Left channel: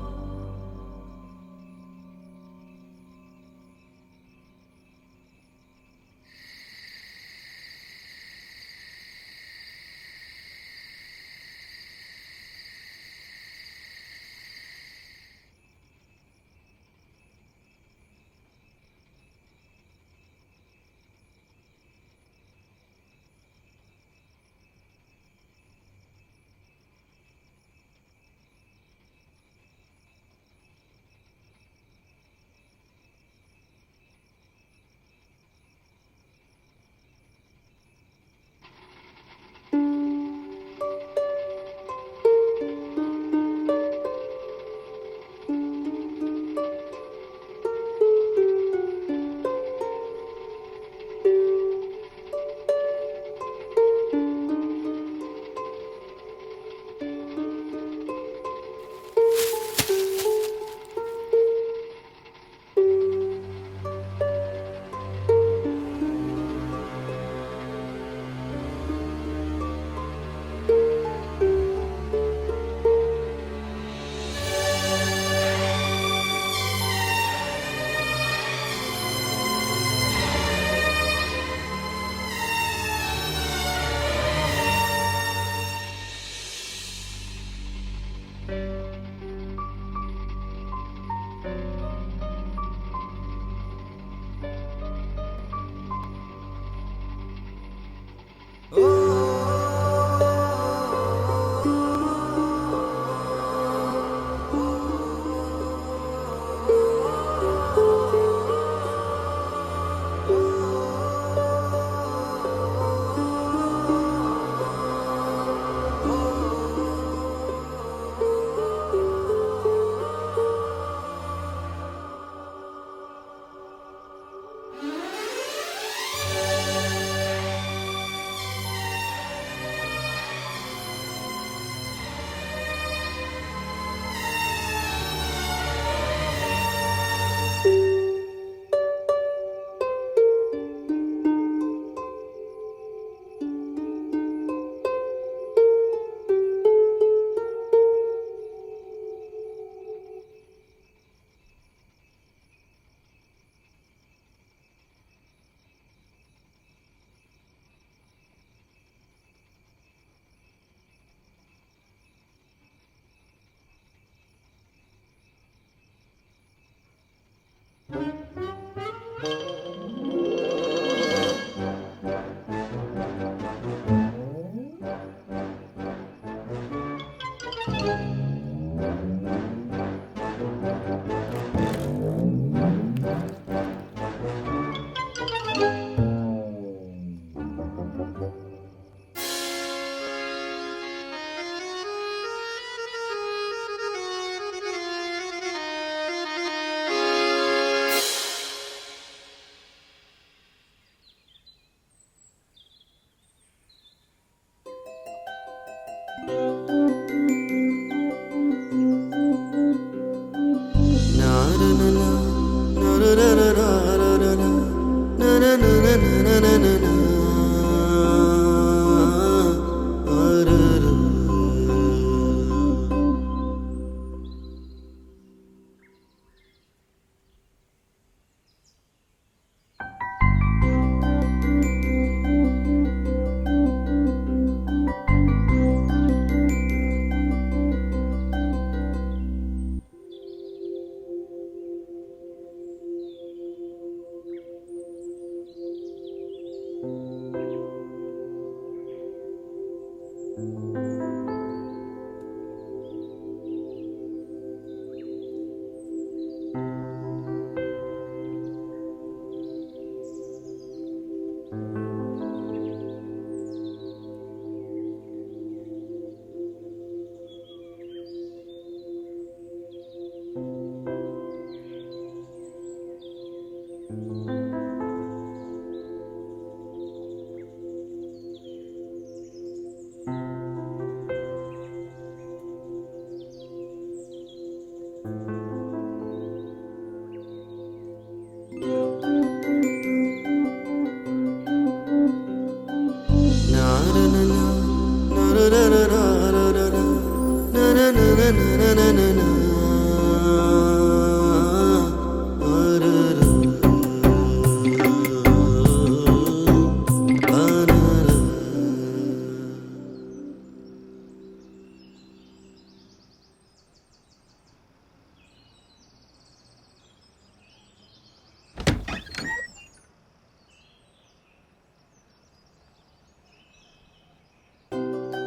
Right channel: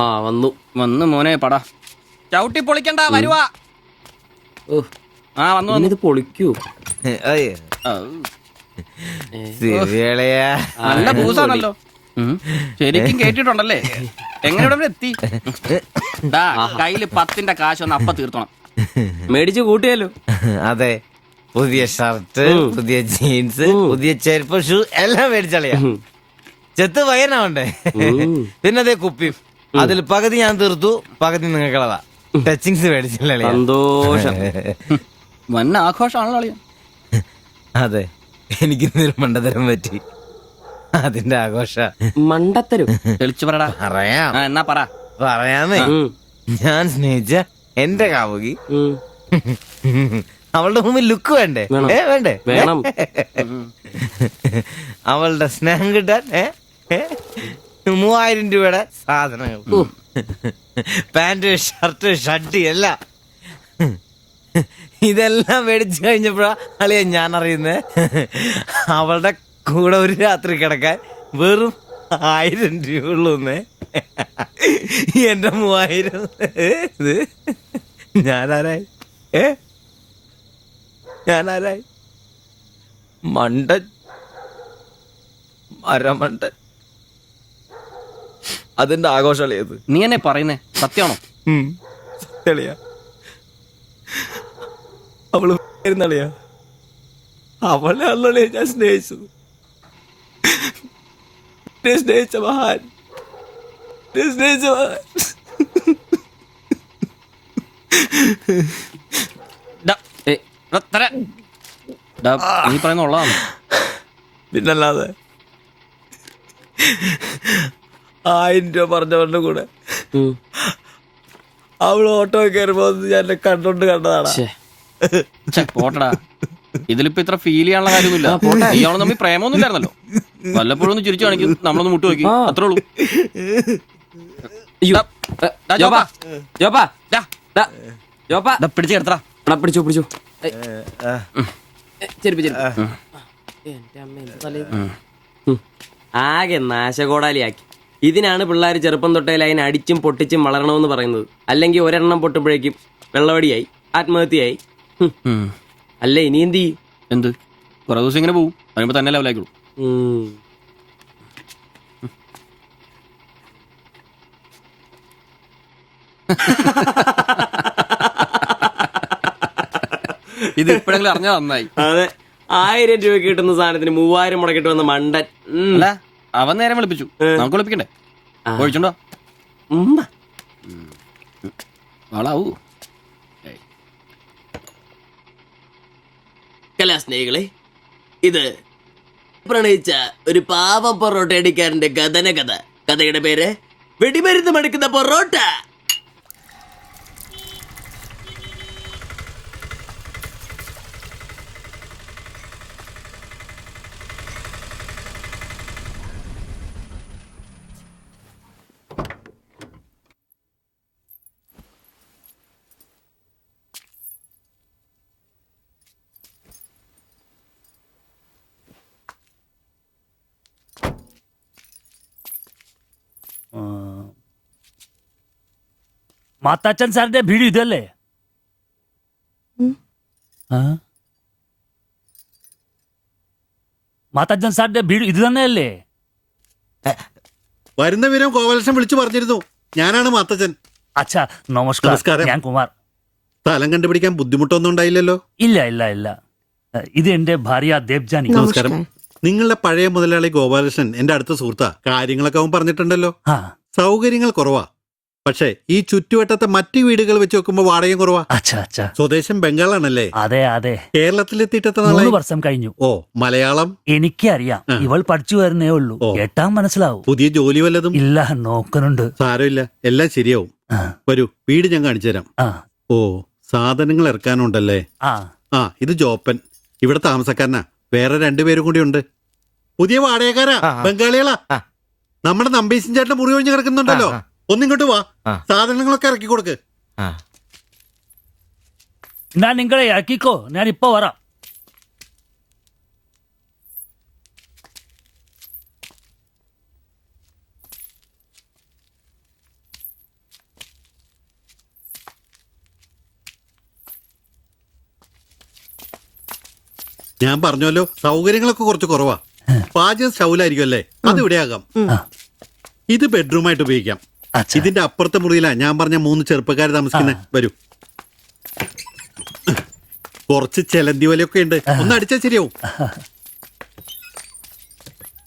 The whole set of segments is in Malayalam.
ആ വന്നു വന്ന് മോനെ പടാ ചവിട്ടി പൊളിക്കണ്ട വരുവാ. ആ വന്നു വന്നു. ഇത് പൊളിക്കൂ. നല്ല പൂസാണല്ലോ. ശരിക്കും കേട്ടിട്ടുണ്ടല്ലേ? എങ്ങനെ ഇവിടെ എത്തി? കയ്യില് 10ന്റെ കാശൊന്ന് അപ്പ തീർത്തണം. മേടിച്ചു കൂട്ടിയല്ലോ. അതെ, പുതിയ ഷർട്ട്, പുതിയ ജീൻസ്, പുതിയ ചെരുപ്പ്, ഷൂ എല്ലാം മേടിച്ചളിയാ. ചെത്ത് വയനാവണ്ടേ? പിന്നെ അതേ കുപ്പിയും, അതിൽ പകുതി ഞാൻ തീർത്തു, പകുതി നിങ്ങൾക്കുള്ളതാ. ടച്ചിങ്സ് മേടിച്ചില്ലേ? സന്തോഷം. വന്ന ആഘോഷമാണല്ലോ അളിയാ. അതെ, എനിക്കിന്നൊരു മണ്ടതരം പറ്റി, അതിന്റെ ആഘോഷ. മണ്ടത്തരും തെളിച്ചു പറടാ. പറയാം, എന്നാ പറ. പറയാമേ. ഞാൻ സ്നേഹിച്ച എന്റെ കാമുകി അവളുടെ മുമ്പിൽ ലുക്ക് വേണ്ടേ? വേണ്ടേ? വേണം. അവളുടെ സ്നേഹം കിട്ടാൻ 3000 രൂപയുടെ സാധനങ്ങൾ, പാന്റ്, ഷർട്ട്, ഷഡ്ഡി എല്ലാം. ഇതെല്ലാം മേടിച്ചു കഴിഞ്ഞപ്പോഴാ അളിയ ഞാൻ അറിയുന്നേ, അവളുടെ കൂടെ ഒരു രാത്രി കിടക്കാൻ വെറും 1000 രൂപ ഉള്ളൂന്നേ. എന്റെ 3000 ഞാനാരായി? ഞാനാരായി? മണ്ടൻ, അരമണ്ടൻ. അതിന്റെ ആഘോഷളിയത്. നീ എന്നെ പറയുന്നേ സത്യമാണോ? തെളിയാ, അവള് ളിയാ, അവളെ അല്ലേ ഞാൻ സ്നേഹിച്ചു. സ്നേഹിച്ച മഹാൻ, സ്നേഹിച്ച മഹാൻ. നീ പറയുന്ന ഉള്ളതാണ്. പിന്നല്ലാതെ 1000 രൂപ പറഞ്ഞവരുടെ കൂടെ അവള് ഓട്ടോ കയറുമ്പോ ഞാൻ എന്നെ കണ്ടോണ്ട് കണ്ടതാണ്. പോട്ടടാ, ഇതിലിപ്പോ ഇത്ര ഫീൽ ചെയ്യാനുള്ള കാര്യമൊന്നുമില്ല. ഇയാള് തമ്മിൽ പ്രേമൊന്നും ഇല്ലായിരുന്നല്ലോ. വല്ലപ്പോഴും ഒന്ന് ചിരിച്ചു കാണിക്കും, നമ്മളൊന്ന് മുട്ടു നോക്കി, അത്രേ ഉള്ളൂ. പിടിച്ചു കിടത്താ. പിടിച്ചു പിടിച്ചു. ആകെ നാശകോടാലിയാക്കി. ഇതിനാണ് പിള്ളേർ ചെറുപ്പം തൊട്ടേ ലൈൻ അടിച്ചും പൊട്ടിച്ചും വളരണമെന്ന് പറയുന്നത്. അല്ലെങ്കിൽ ഒരെണ്ണം പൊട്ടുമ്പോഴേക്കും വെള്ളവടിയായി, ആത്മഹത്യയായി. അല്ല ഇനി എന്ത് ചെയ്യും? എന്ത് കുറെ ദിവസം ഇങ്ങനെ പോവും, പറയുമ്പോ തന്നെ ലെവലായിക്കോളൂ. ഇത് ഇപ്പോഴെങ്കിലും അറിഞ്ഞാ നന്നായി. അതെ, 1000 രൂപ കിട്ടുന്ന സാധനത്തിന് 3000 മുടക്കിട്ട് വന്ന മണ്ടൻ. അല്ല, അവൻ നേരം വിളിപ്പിച്ചു, നമുക്ക് വിളിപ്പിക്കണ്ടേ? ഒഴിച്ചുണ്ടോ? ആളാവൂ. കലാസ്നേഹികളെ, ഇത് പ്രണയിച്ച ഒരു പാവം പൊറോട്ട അടിക്കാരന്റെ കഥന കഥ. കഥയുടെ പേര് വെടിമരുന്ന് മടുക്കുന്ന പൊറോട്ട. മാത്താച്ചൻ സാറിന്റെ വീട് ഇതല്ലേ? മാത്താച്ചൻ സാറിന്റെ വീട് ഇത് തന്നെയല്ലേ? വരുന്ന വിവരം ഗോപാലകൃഷ്ണൻ വിളിച്ചു പറഞ്ഞിരുന്നു. ഞാനാണ് മാത്തച്ഛൻ. അച്ഛാ നമസ്കാരം. ഞാൻ കുമാർ. സ്ഥലം കണ്ടുപിടിക്കാൻ ബുദ്ധിമുട്ടൊന്നും ഉണ്ടായില്ലല്ലോ? ഇല്ല ഇല്ല ഇല്ല. ഇത് എന്റെ ഭാര്യ ദേവ്ജാനി. നമസ്കാരം. നിങ്ങളുടെ പഴയ മുതലാളി ഗോപാലകൃഷ്ണൻ എന്റെ അടുത്ത സുഹൃത്താ. കാര്യങ്ങളൊക്കെ അവൻ പറഞ്ഞിട്ടുണ്ടല്ലോ. സൗകര്യങ്ങൾ കുറവാ, പക്ഷേ ഈ ചുറ്റുവട്ടത്തെ മറ്റു വീടുകൾ വെച്ച് നോക്കുമ്പോ വാടകയും കുറവാ. സ്വദേശം ബംഗാളാണല്ലേ? അതെ അതെ. കേരളത്തിലെത്തിയിട്ട് 3 വർഷം കഴിഞ്ഞു. ഓ, മലയാളം എനിക്കറിയാം. ഇവൾ പഠിച്ചു വരുന്നേ ഉള്ളൂ. കേട്ടാ മനസ്സിലാവും. പുതിയ ജോലി വല്ലതും? ഇല്ല, നോക്കുന്നുണ്ട്. സാരമില്ല, എല്ലാം ശരിയാവും. വരൂ, വീട് ഞാൻ കാണിച്ചു തരാം. ഓ, സാധനങ്ങൾ ഇറക്കാനുണ്ടല്ലേ? ഇത് ജോപ്പൻ, ഇവിടെ താമസക്കാരനാ. വേറെ 2 പേരും കൂടി ഉണ്ട്. പുതിയ വാടകക്കാരാ, ബംഗാളികളാ. നമ്മുടെ നമ്പീശൻ ചേട്ടൻ മുറി ഒഴിഞ്ഞു കിടക്കുന്നുണ്ടല്ലോ. ഒന്നിങ്ങോട്ട് വാ, സാധനങ്ങളൊക്കെ ഇറക്കി കൊടുക്ക്. ഞാൻ നിങ്ങളെ ഇറക്കിക്കോ, ഞാൻ ഇപ്പൊ വരാം. പറഞ്ഞല്ലോ സൗകര്യങ്ങളൊക്കെ കുറച്ച് കുറവാ. പാചകം സ്റ്റൗലായിരിക്കും അല്ലേ? അത് ഇവിടെ ആകാം. ഇത് ബെഡ്റൂമായിട്ട് ഉപയോഗിക്കാം. അച്ഛാ. ഇതിന്റെ അപ്പുറത്തെ മുറിയിലാ ഞാൻ പറഞ്ഞ 3 ചെറുപ്പക്കാർ താമസിക്കുന്നത്. വരൂ. കുറച്ച് ചെലന്തി വലയൊക്കെ ഉണ്ട്, ഒന്ന് അടിച്ചാൽ ശരിയാവും.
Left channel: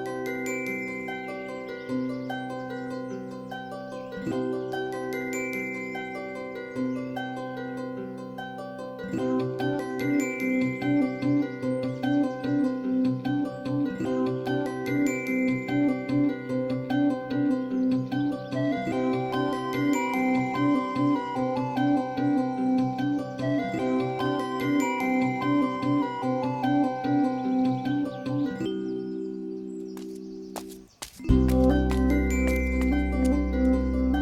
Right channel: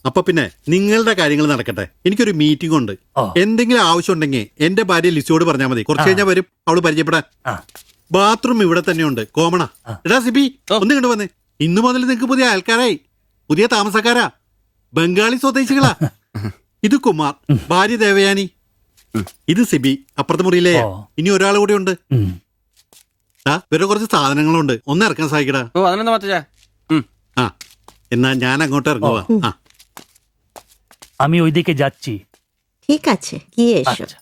അപ്പൊ പിന്നെ നിങ്ങളുടെ കാര്യങ്ങൾ നടക്കട്ടെ. എനിക്കൊരു മീറ്റിംഗ് ഉണ്ട്. എന്തെങ്കിലും ആവശ്യം ഉണ്ടെങ്കിൽ എന്റെ ഭാര്യ ലിസിയോട് പറഞ്ഞാൽ മതി. കുറച്ച് കഴിഞ്ഞാൽ വരും അവള് പരിചയപ്പെടാൻ. ബാത്റൂം ഇവിടെ തന്നെയുണ്ട്, കോമണാ. എടാ സിബി, ഒന്ന് കണ്ടു വന്നേ. ഇന്നു മുതൽ നിങ്ങൾക്ക് പുതിയ ആൾക്കാരായി, പുതിയ താമസക്കാരാ, ബംഗാളി സ്വദേശികളാ. ഇത് കുമാർ, ഭാര്യ ദേവയാനി. ഇത് സിബി, അപ്പുറത്തെ മുറിയിലെ. ഇനി ഒരാൾ കൂടെ ഉണ്ട്. വേറെ കുറച്ച് സാധനങ്ങളുണ്ട്, ഒന്ന് ഇറക്കാൻ സഹായിക്കടാ. ആ, എന്നാ ഞാൻ അങ്ങോട്ട് ഇറങ്ങുവാ. আমি ওইদিকে যাচ্ছি। ঠিক আছে, গিয়ে এসো। আচ্ছা।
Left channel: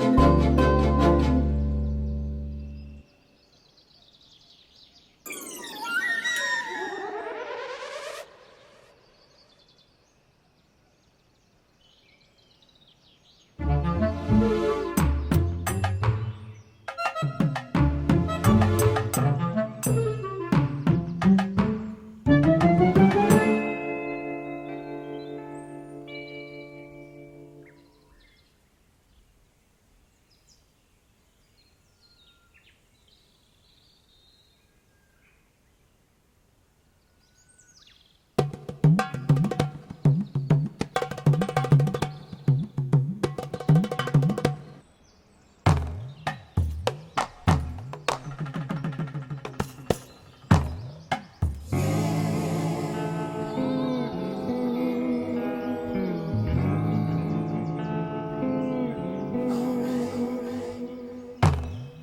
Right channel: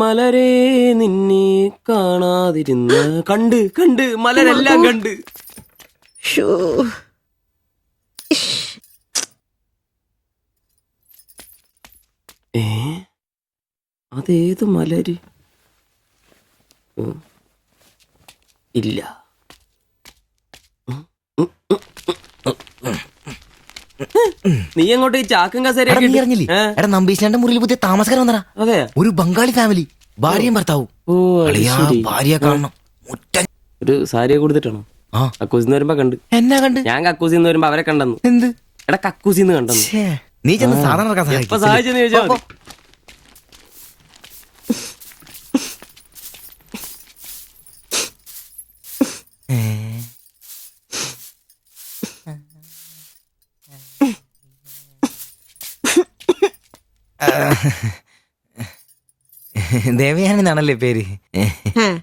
മലരെ നിന്നെ കാണാതിരുന്ന കണ്ട് കണ്ട് മലരെല്ലാം കണ്ട്. ശ്ശോ. ഏ അതേത് മലര്? ഇല്ല. നീ അങ്ങോട്ട് ഈ ചാക്കും കസേരയൊക്കെ നീ ഇട്ട്- അറിഞ്ഞില്ലേ? ഏ? എടാ നമ്പീശാന്റെ മുറിയിൽ പുതിയ താമസക്കാരൻ വന്നടാ. അതെ. ഒരു ബംഗാളി ഫാമിലി, ഭാര്യയും ഭർത്താവും. ഓ അത് അളിയാ, ശരി. ഭാര്യയെ കാണണം. ഒരു സാരിയെ കൊടുത്തിട്ടാണോ? ആ. കക്കൂസിന്ന് വരുമ്പോ കണ്ട്. എന്നാ കണ്ട്? ഞാൻ കക്കൂസിന്ന് വരുമ്പോ അവരെ കണ്ടെന്നു. എന്ത്? എടാ കക്കൂസിന്ന് കണ്ടെന്നു. ഛേ, നീ ചെന്ന് സാധനം ഇറക്കാൻ എപ്പോ സഹായിക്ക്. സഹായിച്ചെന്ന് ചോദിച്ചാ മതി. ദേവയാനി എന്നാണല്ലേ പേര്?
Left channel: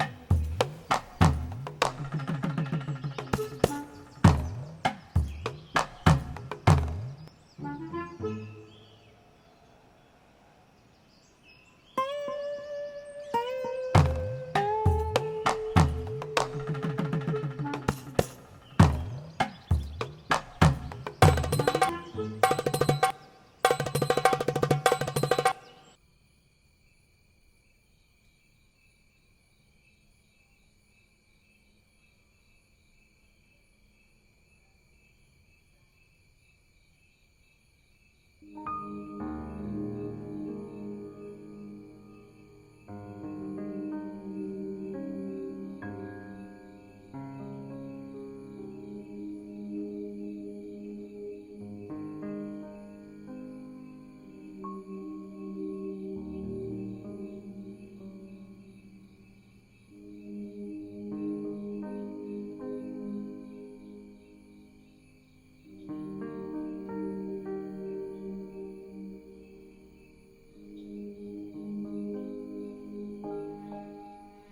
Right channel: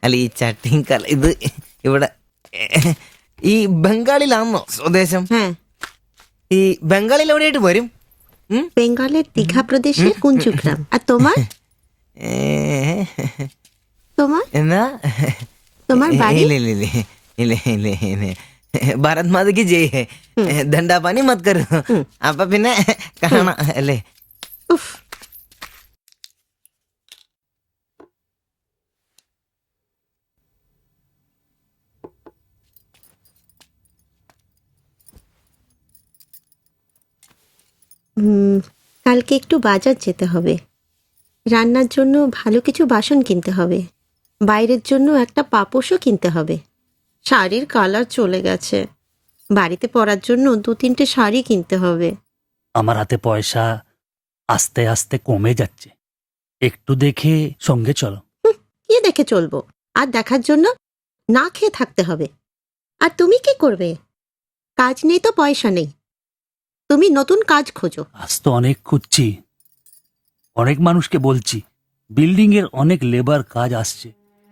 അല്ല ഈ ചട്ടിയും കല ഇത് ഇവിടെ ഈ ബംഗാളിലാണോ സ്വദേശം? ഈ ബംഗാളിൽ എവിടെയായിട്ട് വരും? বেঙ্গলের দীঘা প্রদেশের কুঞ্জুগ্রাম। আর তোমার? তোমার എന്നാ তোমার বাড়ি? ഇല്ല ഇല്ല ഇല്ല ഇല്ല ഇല്ല ഇല്ല ഭാരത് മാതയ്ക്ക് ജയ് ഹേ. ദണ്ഡാപാനി മത് കരോ. അപ്പൊ പിന്നെ കാണാം അല്ലേ? কালকে একটু বাজার যেতে হবে। রান্নার জন্য ভালো কিছু বাসন কিনতে হবে। বাইরের জন্য একটা পাপোশও কিনতে হবে। শাড়ির কালার চলে গেছে। বাড়িতে পরার জন্য 2-3টে শাড়ি কিনতে হবে। আমার হাতে পয়সা আস্তে আস্তে কমে যাচ্ছে, একটু দেখে সঙ্গে চলো। কি দেখে চলবো? আর দেখার জন্য না খেয়ে থাকতে হবে। আর তুমি কি করবে? কাজ নেই তো পয়সা নেই। তুমি নতুন কাজ খোঁজো। আজ তো অনেক খুঁজছি, অনেক মানুষকে বলছি, বিল্ডিং এর অনেক লেবার কাজ আসছে,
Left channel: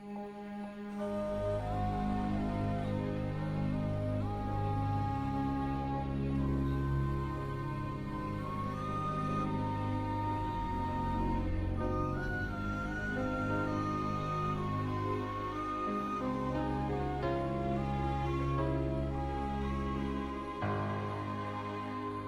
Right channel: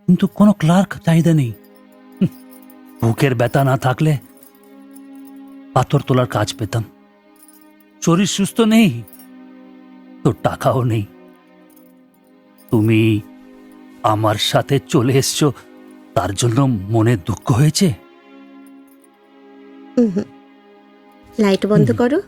কিন্তু কোনো ক্লার্ক চাহিদা নেই। বুকের ব্যথা না থাকলে পাথর তোলার কাজ পেতাম। শরীর সুস্থ নেই তো টাকাও নেই। তুমি আমার সাথে চলে এসছো, তার জন্য মনে দুঃখ হয়েছে? লাইট বন্ধ করো।